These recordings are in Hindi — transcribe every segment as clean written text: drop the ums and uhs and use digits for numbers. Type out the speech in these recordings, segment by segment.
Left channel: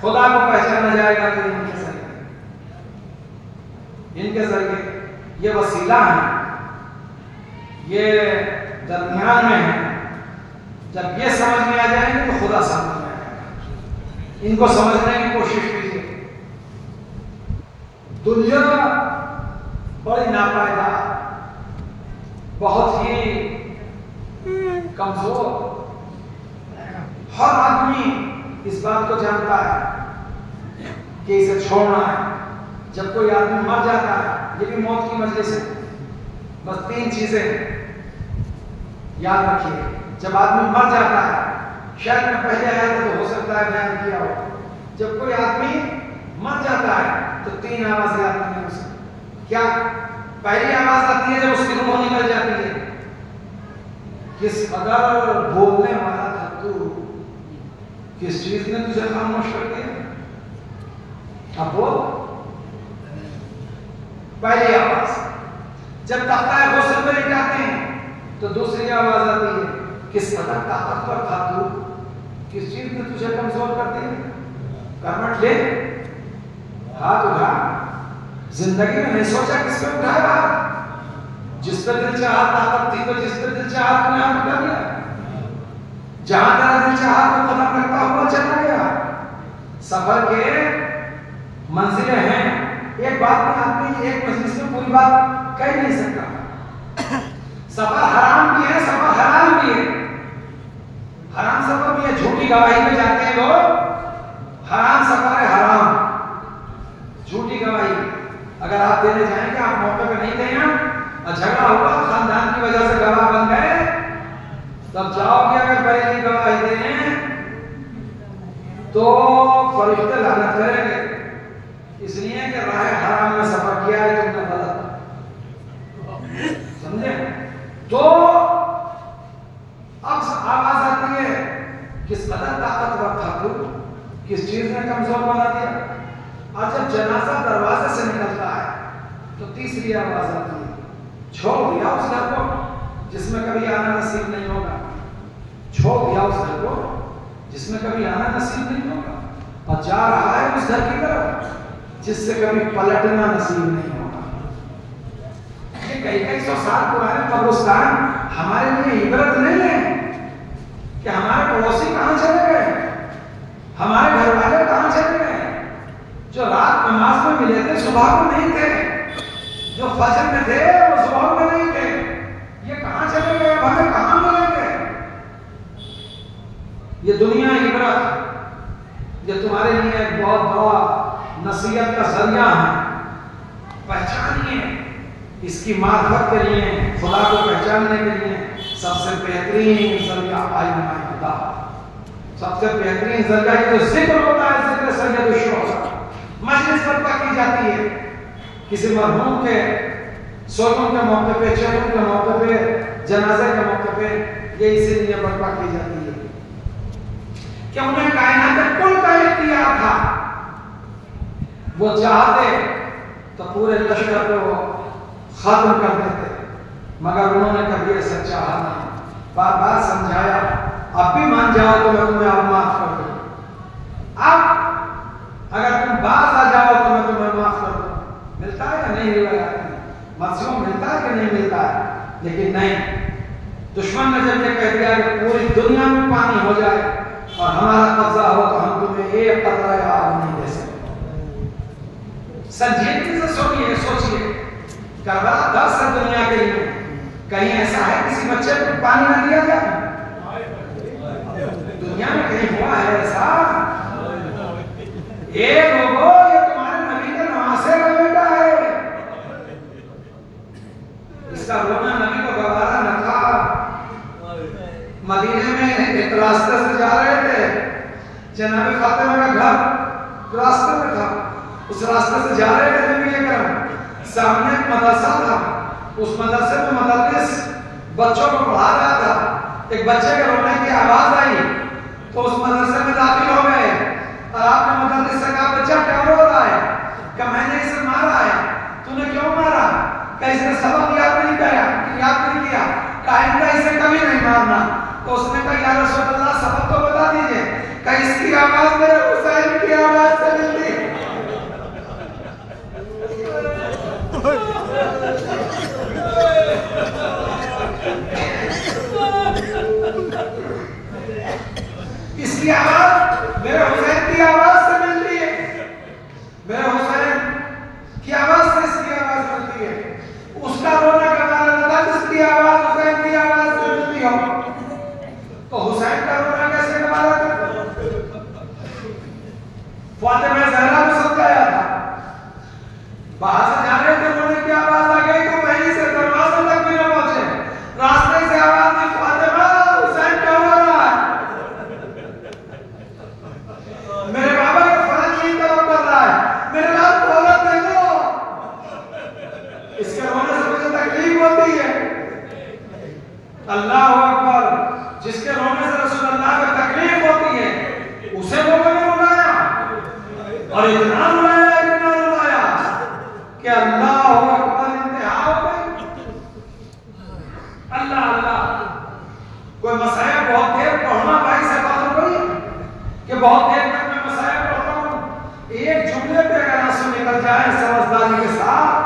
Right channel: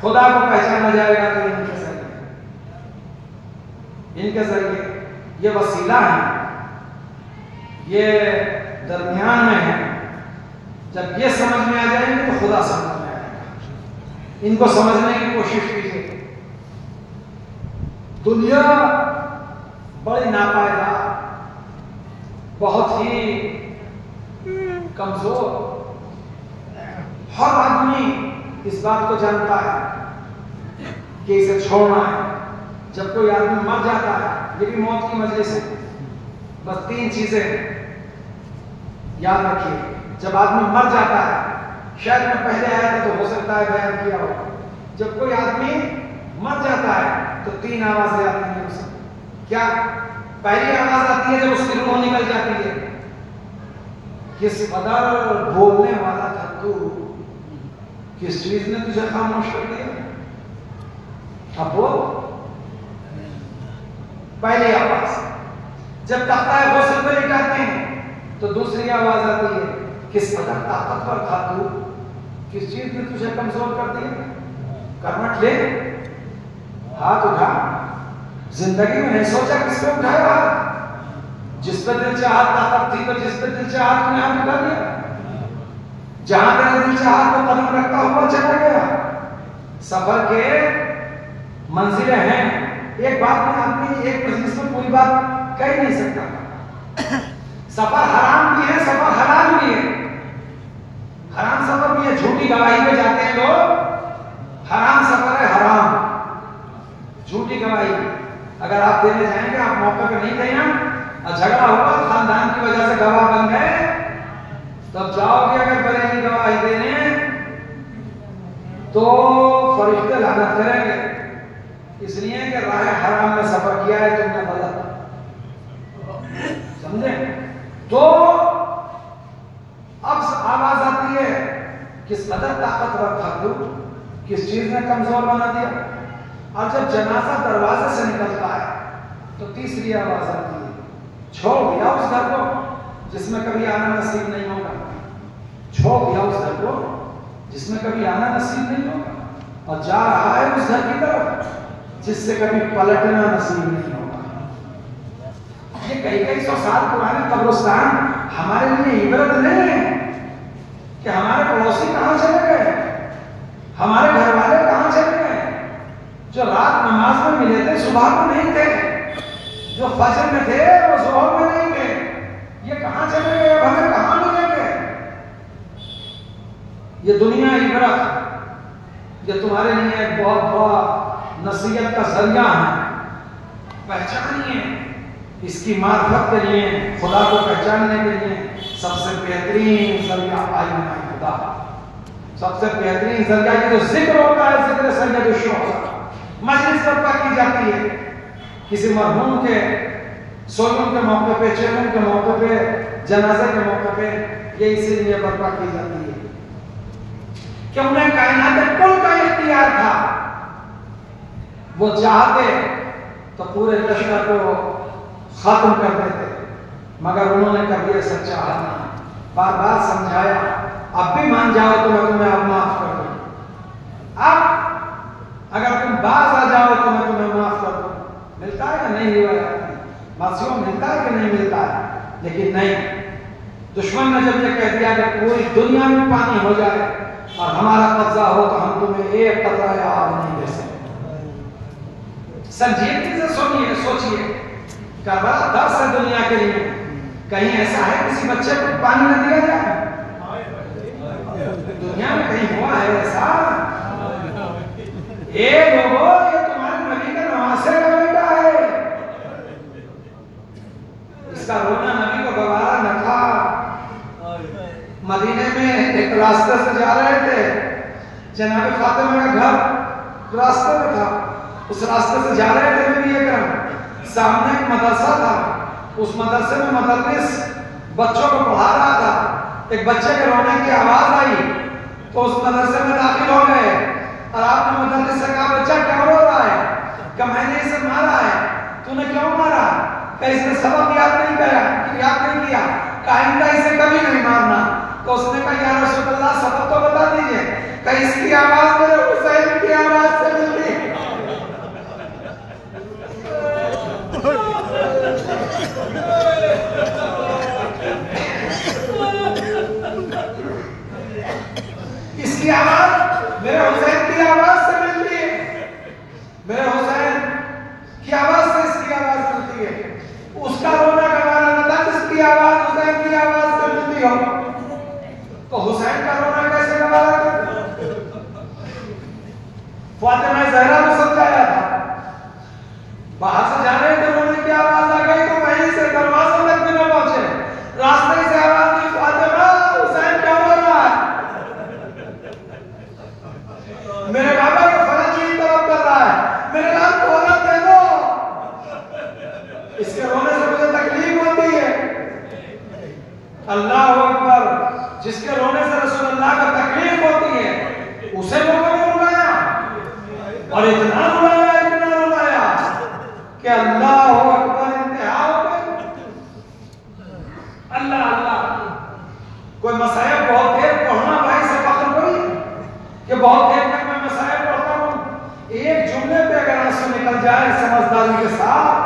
खुदा को पहचाना जाएगा तो इनके जरिए ये वसीला है, ये दरमियान में है। जब ये समझ में आ जाएंगे तो खुदा समझ में आएगा। इनको समझने की कोशिश कीजिए। दुनिया बड़ी नापायदार, बहुत ही कमजोर। हर आदमी इस बात को जानता है कि इसे छोड़ना है। जब कोई आदमी मर जाता है, ये भी मौत की मजलिस है, बस 3 चीजें याद रखिए। जब आदमी मर जाता है, शायद मैं पहले आया था तो हो सकता है बयान किया हो, जब कोई आदमी मर जाता है तो 3 आवाजें आती हैं उसे। क्या? पहली आवाज आती है जब उसकी रूह निकल जाती है, किस कदर बोलने वाला था तू, किस चीज ने तुझे खामोश कर दिया। अब वो पहली आवाज। जब तख्ता गौसल पे लेटाते हैं तो दूसरी आवाज आती है, किस कदर ताकतवर था तू, किस चीज ने तुझे कमजोर कर दिया। करवट ले, हाथ उठा। जिंदगी में नहीं सोचा किस पे उठाया, जिस पे दिल चाहा ताकत थी तो जिस पे दिल चाहा तुमने हाथ उठा लिया। जहां तेरा दिल चाहा तो कदम रखता हुआ चला गया। सफर के मंजिलें हैं। एक बात में आदमी एक मजलिस में पूरी बात कह नहीं सकता। सफर हराम भी है, सफर हराम भी है। हराम सफर भी है, झूठी गवाही पे जाते हैं लोग। हराम सफर है, हराम झूठी गवाही। अगर आप देने जाएंगे, आप मौके पे नहीं थे और झगड़ा हुआ, खानदान की वजह से गवाह बन गए, तब जाओगे अगर बरेली गवाही देने तो फरिश्ते लानत करेंगे, इसलिए कि राह हराम में सफर किया है तुमने, गलत। समझे? तो अब आवाज आती है, किस कदर ताकतवर था तू, किस चीज ने कमजोर बना दिया। और जब जनाजा दरवाजे से निकलता है तो तीसरी आवाज आती है, छोड़ दिया उस घर को जिसमें कभी आना नसीब नहीं होगा। छोड़ दिया उस घर को जिसमें कभी आना नसीब नहीं होगा, और जा रहा है उस घर की तरफ जिससे कभी पलटना नसीब नहीं होगा। ये कई 100 साल पुराने कब्रिस्तान हमारे लिए इबरत नहीं है कि हमारे पड़ोसी कहां चले गए, हमारे घर वाले कहां चले गए, जो रात नमाज में मिले थे सुबह को नहीं थे, जो फजर में थे वो जोहर में नहीं थे, ये कहां चले गए, हमें कहां मिलेंगे। ये दुनिया इबरत, ये तुम्हारे लिए एक बहुत बड़ा नसीहत का जरिया है। पहचानिए, इसकी मार्फत के लिए, खुदा को पहचानने के लिए सबसे बेहतरीन जरिया आईना खुदा, सबसे बेहतरीन जरिया जो जिक्र होता है, जिक्र सैयद शुहदा। मजलिस बर्पा की जाती है किसी मरहूम के सोलूं के मौके पे, चेहरों के मौके पे, जनाजे के मौके पे, ये इसीलिए बर्पा की जाती है कि उन्हें कायनात कुल का इख्तियार था। वो चाहते तो पूरे लश्कर को वो खत्म कर देते, मगर उन्होंने कभी ऐसा चाहा नहीं। बार बार समझाया, अब भी मान जाओ तो मैं तुम्हें अब माफ कर दूं, अब अगर तुम बाज आ जाओ तो मैं तुम्हें माफ कर दूं। मिलता है या नहीं हुआ? मासूम मिलता है कि नहीं मिलता है? लेकिन नहीं, दुश्मन ने जब ये कह दिया कि पूरी दुनिया में पानी हो जाए और हमारा कब्जा हो तो हम तुम्हें एक कतरा आग नहीं दे सकते। संजीदगी से सुनिए, सोचिए, करबला 10 है दुनिया के लिए, कहीं ऐसा है किसी बच्चे को पानी न दिया जाए? दुनिया में कहीं हुआ है ऐसा? ये लोगों, ये तुम्हारे नबी के नवासे का बेटा है, इसका रोना नबी को गवारा न था। मदीने में एक रास्ते से जा रहे थे, जनाब फातिमा का घर रास्ते में था, उस रास्ते से जा रहे थे नबी अकरम, सामने एक मदरसा था, उस मदरसे में मुदर्रिस बच्चों को पढ़ा रहा था। एक बच्चे के रोने की आवाज आई तो उस मदरसे में दाखिल हो गए और आपने मुदर्रिस से कहा, बच्चा क्या रो रहा है? क्या मैंने इसे मारा है? तूने क्यों मारा? क्या इसने सबक याद नहीं किया? आइंदा इसे कभी नहीं मारना। तो उसने कहा, या रसूल अल्लाह सबक तो बता दीजिए। क्या इसकी आवाज मेरे हुसैन की आवाज इसकी आवाज मेरे हुसैन की आवाज से मिलती है, मेरे हुसैन की आवाज से इसकी आवाज मिलती है। उसका रोना गवाना न था जिसकी आवाज हुसैन की आवाज से मिलती हो, तो हुसैन का रोना कैसे गवारा था? फातिमा ज़हरा को समझाया था, बाहर से जा रहे थे, रोने की आवाज आ गई तो वहीं से दरवाजे तक भी न पहुंचे, रास्ते से आवाज आई, फातिमा हुसैन क्या हो रहा है? मेरे बाबा के फर्ज की तरफ कर रहा है, मेरे लाल को औरत दे दो। इसके रोने से मुझे तकलीफ होती है। अल्लाह अकबर, जिसके रोने से रसूल अल्लाह को तकलीफ होती है उसे लोगों ने रुलाया, और इतना रुलाया कि अल्लाह अकबर इंतहा हो गई। अल्लाह अल्लाह, कोई मसाइब बहुत देर पढ़ना भाई से बात कोई कि बहुत देर तक मैं मसाइब पढ़ता हूँ, एक जुमले पे अगर आंसू निकल जाए समझदारी के साथ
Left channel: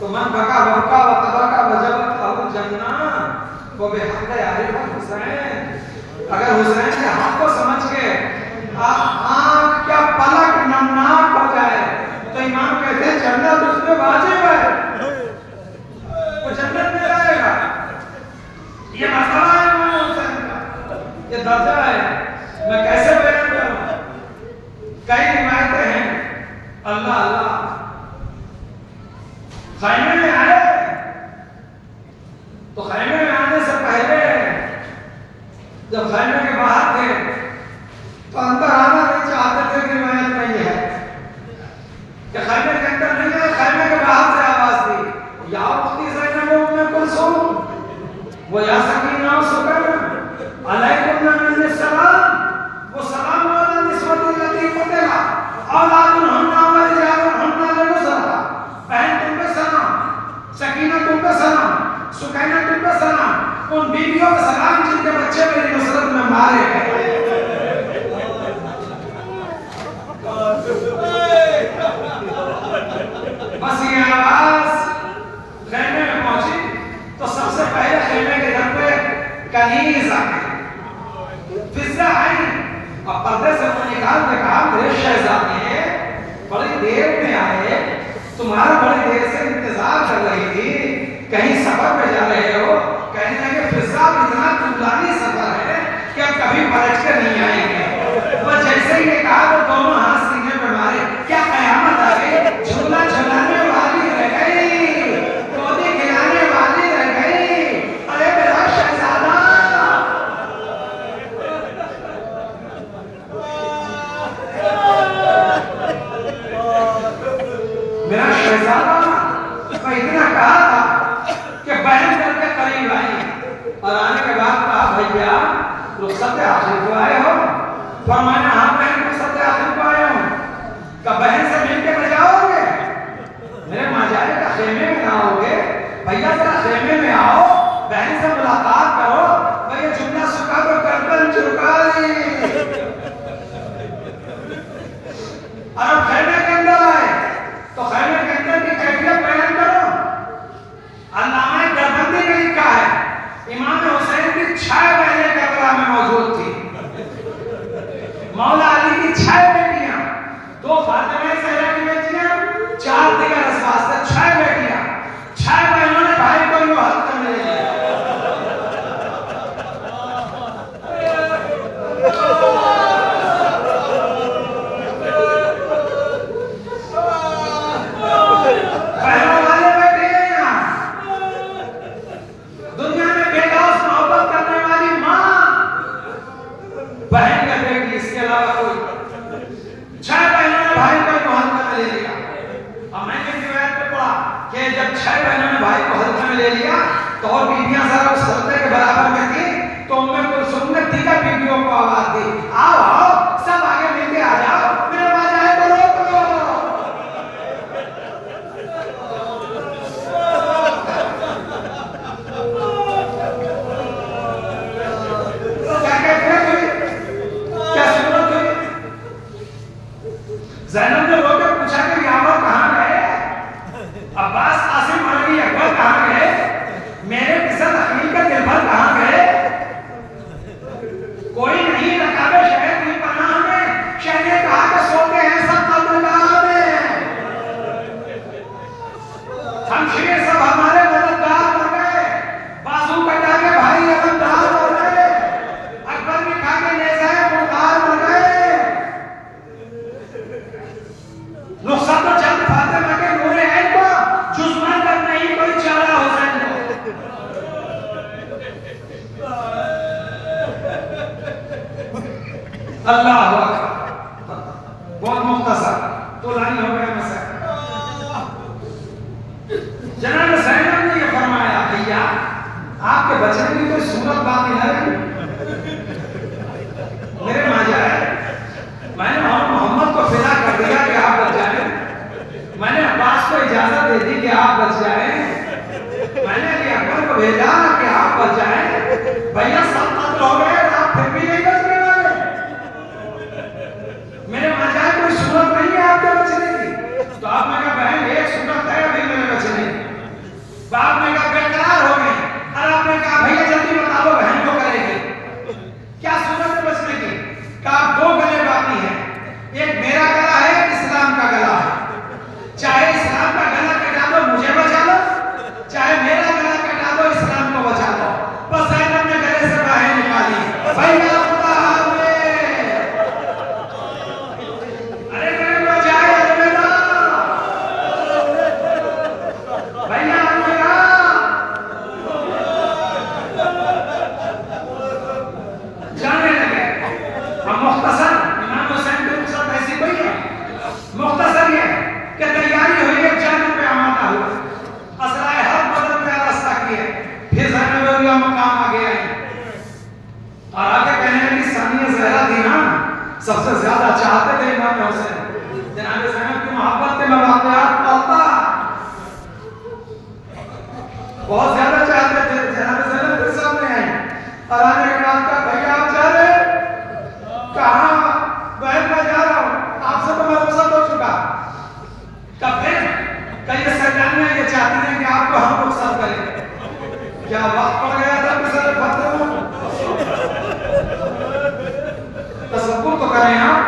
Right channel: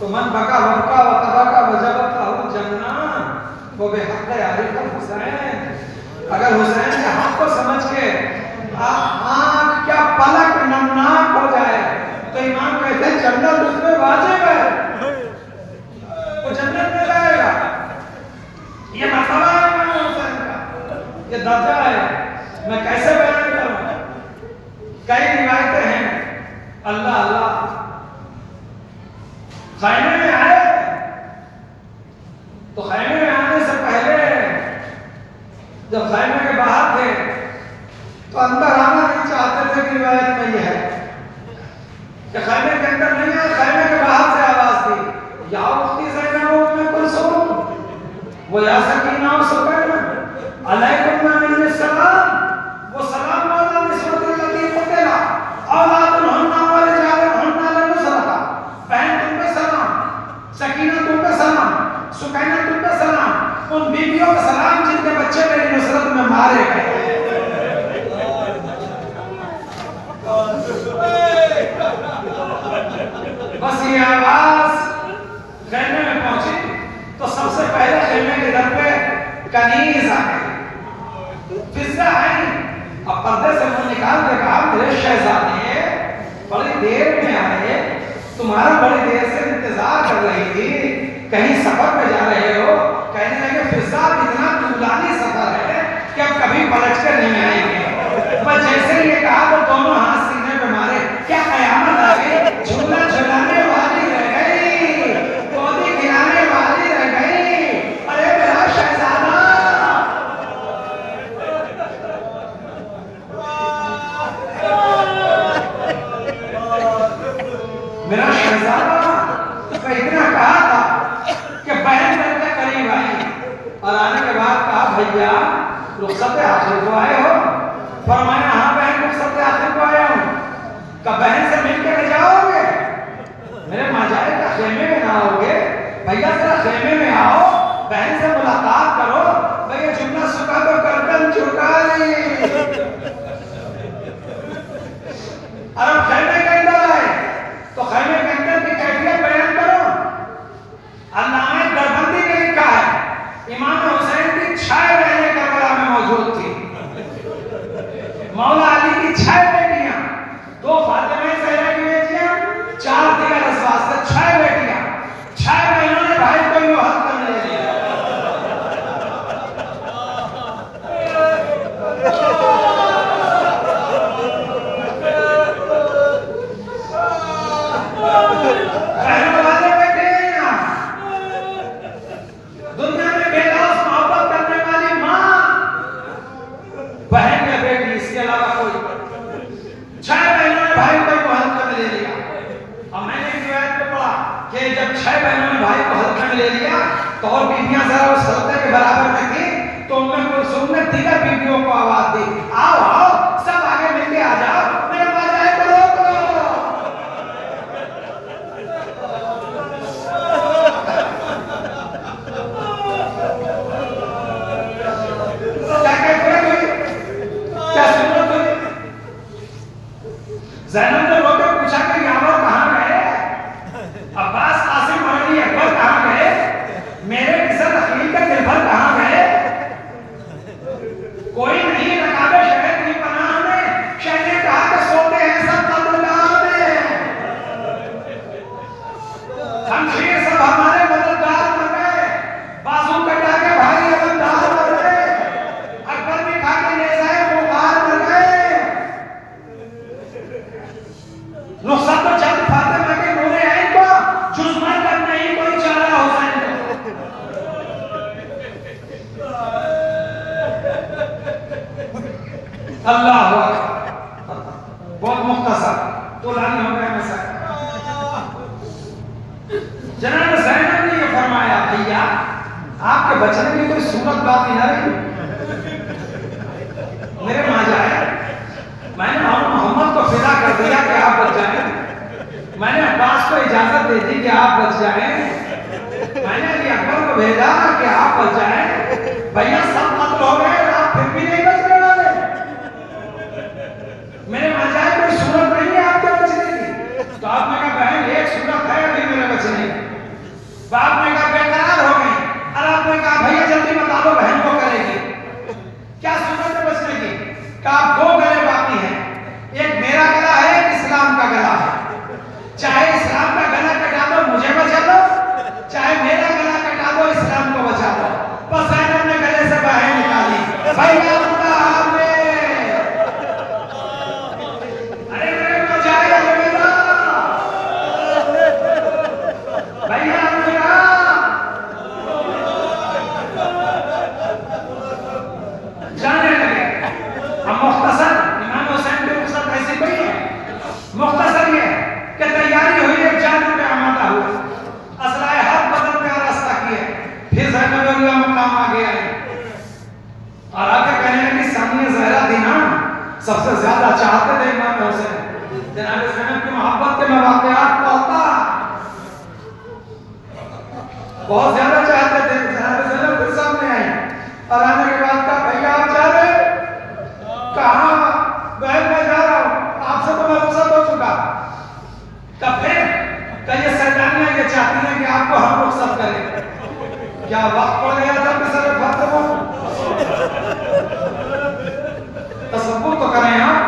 तो मन बका बका व तबका वजबत लहु जन्नत वो बेहद आरिफ हुसैन। अगर हुसैन के हाथ को समझ के आँख क्या पलक नमनाक हो जाए तो इमाम कहते हैं जन्नत उसमें वाजिब है, वो जन्नत में जाएगा। ये मसला है इमाम हुसैन का, ये दर्जा है, मैं कैसे बयान करूं? कई रिवायतें हैं। अल्लाह अल्लाह, खैमे में आए तो खैमे में आने से पहले जब खैमे के बाहर थे तो अंदर आना नहीं चाहते थे। रिवायत में यह है कि खैमे के अंदर नहीं आए, खैमे के बाहर से आवाज दी, या उख्ती ज़ैनब उम्मे कुलसूम वो या सकीना सुकैना अलैकुम मिन्नी सलाम, वो सलाम वाला निस्बत लगी कुतला औलादुल हन्ना व रिजालुल हन्ना लनुसरता, बहन तुम पे सलाम, सकीना तुम पे सलाम, सुकैना तुम पे सलाम, उन बीवियों का सलाम जिनके बच्चे मेरी नुसरत में मारे गए। बस ये आवाज खैमे में पहुंची तो सबसे पहले खैमे के घर पे कनीज आ गई, फिजा आई और पर्दे से मुंह निकाल के कहा, मेरे शहजादे बड़ी देर में आए, तुम्हारा बड़ी देर से इंतजार कर रही थी, कहीं सफर पे जा रहे हो? कहने लगे फिजा इतना दूरानी सफर है कि अब कभी पलट के नहीं आएंगे। बस जैसे ही ये कहा तो दोनों हाथ सीने पे मारे, क्या कयामत आ गई? झूला झुलाने वाली रह गई, गोदी खिलाने वाली रह गई, अरे मेरा शहजादा। मेरा शहजादा, मैं इतना कहा था कि बहन दर के करीब आई और आने के बाद कहा, भैया रुखसत हासिल को आए हो? फरमाया, हाँ बहन रुखसत हासिल को आया हूँ। कब बहन से मिलकर ले जाओगे? मेरे माजारे का खेमे में ना आओगे? भैया जरा खेमे में आओ, बहन से मुलाकात करो। भैया जुमला सुखा तो गर्दन झुका ली। और अब खेमे के अंदर आए तो खेमे के अंदर की कैफियत बयान करो। अल्लामा दरबंदी ने लिखा है, इमाम हुसैन की 6 बहनें करबला में मौजूद थी। मौला अली की 6 बेटियां, 2 फातिमा ज़हरा की बेटियां, 4 दिगर असवास से 6 बेटियां, 6 बहनों ने भाई को यूं हाथ में ले लिया। बहनों वाले बैठे हैं यहाँ, दुनिया में बेलौस मोहब्बत करने वाली माँ, बहन या बेटी, इसके अलावा कोई। 6 बहनों ने भाई को हल्के में ले लिया। अब मैंने इस रिवायत में पढ़ा कि जब 6 बहनों ने भाई को हल्के में ले लिया तो और बीवियां जरा उस हल्के के बराबर में थी, तो उनमें कुलसूम ने दीगर बीवियों को आवाज दी, आओ आओ सब आगे मिलके आ जाओ, मेरे माजाए को रोक लो। क्या सूरत हुई? ज़ैनब ने रोकर पूछा कि यावर कहाँ गए? अब्बास, कासिम, अली, अकबर कहाँ गए? मेरे किसन, अकील का निर्भर कहाँ गए? कोई नहीं, नकाबे शहर हुआ बहुत मुख्तसर, तो लानी हो गया मसला। जनाब ज़ैनब ने ये फरमाया, भैया आपके बचने की कोई सूरत बाकी ना रही। मेरे माँ जाए, मैंने मोहम्मद को फिदा कर दिया कि आप बच जाए, मैंने अब्बास को इजाजत दे दी कि आप बच जाए, मैंने अली अकबर को भेजा कि आप बच जाए, भैया सब कत्ल हो गए, आप फिर भी नहीं बच रहे। मेरे माँ जाए कोई सूरत नहीं है आपके बचने की। तो आपने कहा बहन एक सूरत है अभी मेरे बचने की। बाप ने कहा बेकरार हो गए, और आपने कहा भैया जल्दी बता दो बहन को करेगी क्या सूरत है बचने की। कहा दो गले बाकी हैं, एक मेरा गला है, एक इस्लाम का गला है। चाहे इस्लाम का गला कटा दो मुझे बचा लो, चाहे मेरा गला कटा दो इस्लाम को बचा लो। बस ज़ैनब ने गले से बाहें निकाली, भैया अरे मेरे को जाए अलविदा, भैया अलविदा। जाने लगे। हम मुख्तसर इमाम हुसैन की रुखसत ऐसी कोई है, मुख्तसर ये कि तैयारी हुई है, जाने पे आमादा हुआ, असलाए हर बदन पे रास्ता किए, फिर ज़ैनब का मकाम आ गया और आके कहने लगी सानिया ज़हरा थी ना, सबसे ज्यादा चाहते थे इमाम हुसैन। जनाब ज़ैनब की मोहब्बत के मैं वाक़यात पढ़ता, बहुत ज्यादा चाहते थे। जनाब ज़ैनब फिर सामने आई और आने के बाद कहा भैया आप जा रहे? कहाँ? बहन मैं जा रहा हूँ, आपसे तो मैं रुखसत हो चुका। तब फिर कई सरदारियां ये चाहती हैं कि आपको हम रुखसत करें। क्या वक्त पड़ गया था मिसर फतह में? तसव्वुर तो करें आप।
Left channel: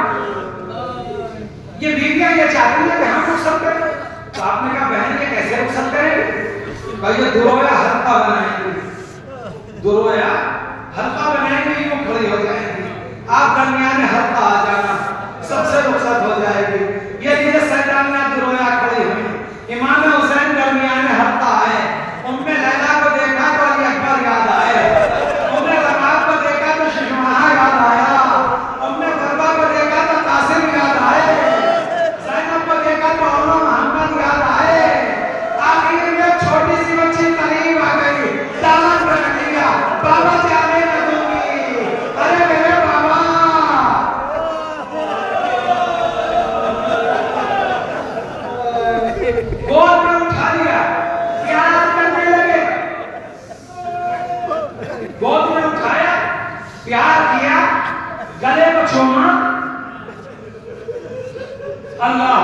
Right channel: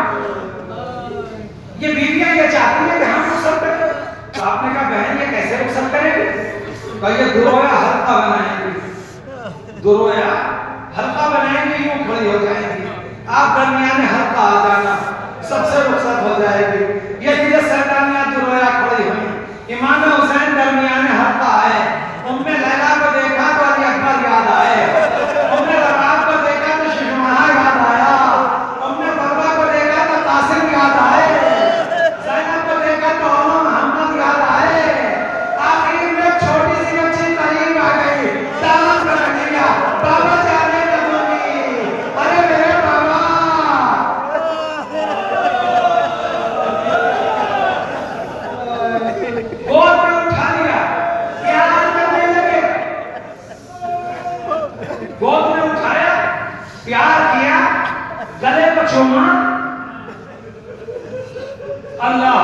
ये बीवियां ये चाहती हैं कि हम रुखसत करें। तो आपने कहा बहन ये कैसे रुखसत करेंगे? भाई दुरोया हल्का बनाएंगे, दुरोया हल्का बनाएंगे, यूं खड़ी हो जाएंगी, आप दरमियान हल्का आ जाना, सबसे रुखसत हो जाएगी। ये चीजें सैतानियां दुरोया खड़ी हुई, इमाम हुसैन दरमियान हल्का आए, उम्मे लैला को देखा तो अली अकबर याद आए, उम्मे रबाब को देखा तो शिशुमाहा याद आया, उम्मे फरवा को देखा तो कासिम याद आए, ज़ैनब को देखा तो मोहम्मद याद आए। आखिर में छोटी सी बच्ची करीब आ गई, दामन पकड़ लिया, बाबा जाने न दूंगी, अरे मेरे बाबा। गोद में उठा लिया, प्यार करने लगे, गोद में उठाया, प्यार किया, गले को चूमा। अल्लाह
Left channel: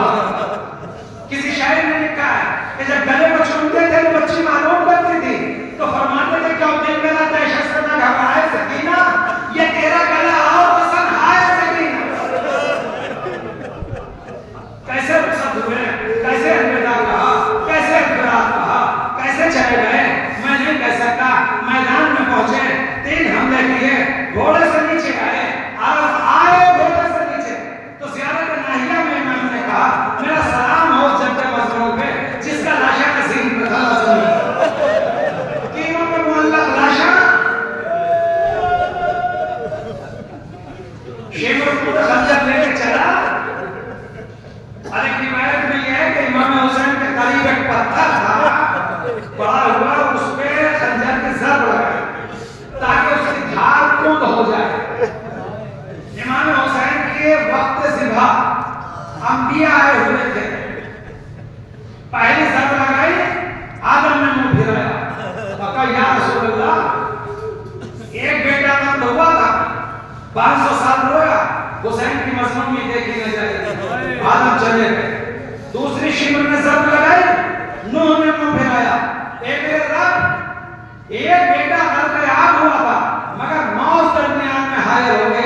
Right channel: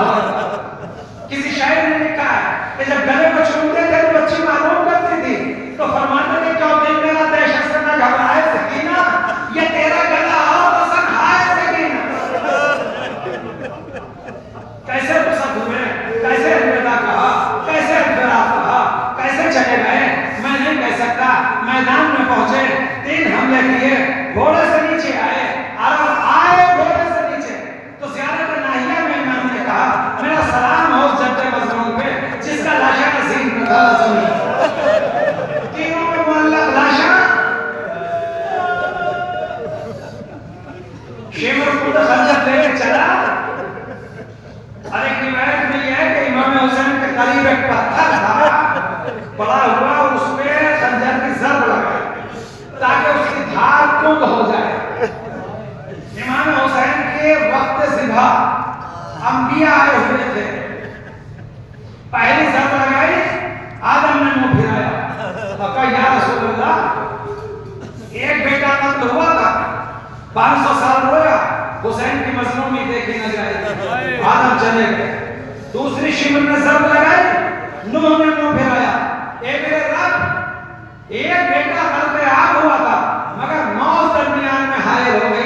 किसी शायर ने लिखा है कि जब गले को चूमते थे तो बच्ची मालूम करती थी, तो फरमाते थे क्यों दिल मेरा दहशत से न घबराए सकीना, ये तेरा गला और पसंद आए सकीना। कैसे रुखसत हुए, कैसे अलविदा कहा, कैसे अलविदा कहा, कैसे चले गए मैं नहीं कह सकता। मैदान में पहुंचे, 3 हमले किए, घोड़े से नीचे आए, और आए घोड़े से नीचे तो ज़ियारत नाहिया में इमाम ने कहा मेरा सलाम हो जब्ते मज़मून पे जिसका लाशा नसीब न था ज़मीन। तीनों के मुअल्लक़ लाशा शेमर खुद खंजर लेके चला। और एक रिवायत में यह है कि इमाम हुसैन के करीब एक पत्थर था पड़ा हुआ, उस पे खंजर की ज़रब लगाई ताकि उसकी धार कुंद हो जाए। इमाम हुसैन के वक्त ज़िबा अंबिया आए हुए थे, पहली ज़रब लगाई, आदम ने मुंह फिराया और कहा या रसूल अल्लाह, एक बेटा कत्ल हुआ था, 500 साल रोया, हुसैन की मज़लूमी देखी न जाएगी, आदम चले गए। दूसरी शिमर ने ज़रब लगाई, नूह ने मुंह फिराया, एक रब, एक बेटा नरक आग हुआ था मगर मौत दरमियान में हाजिर हो गया,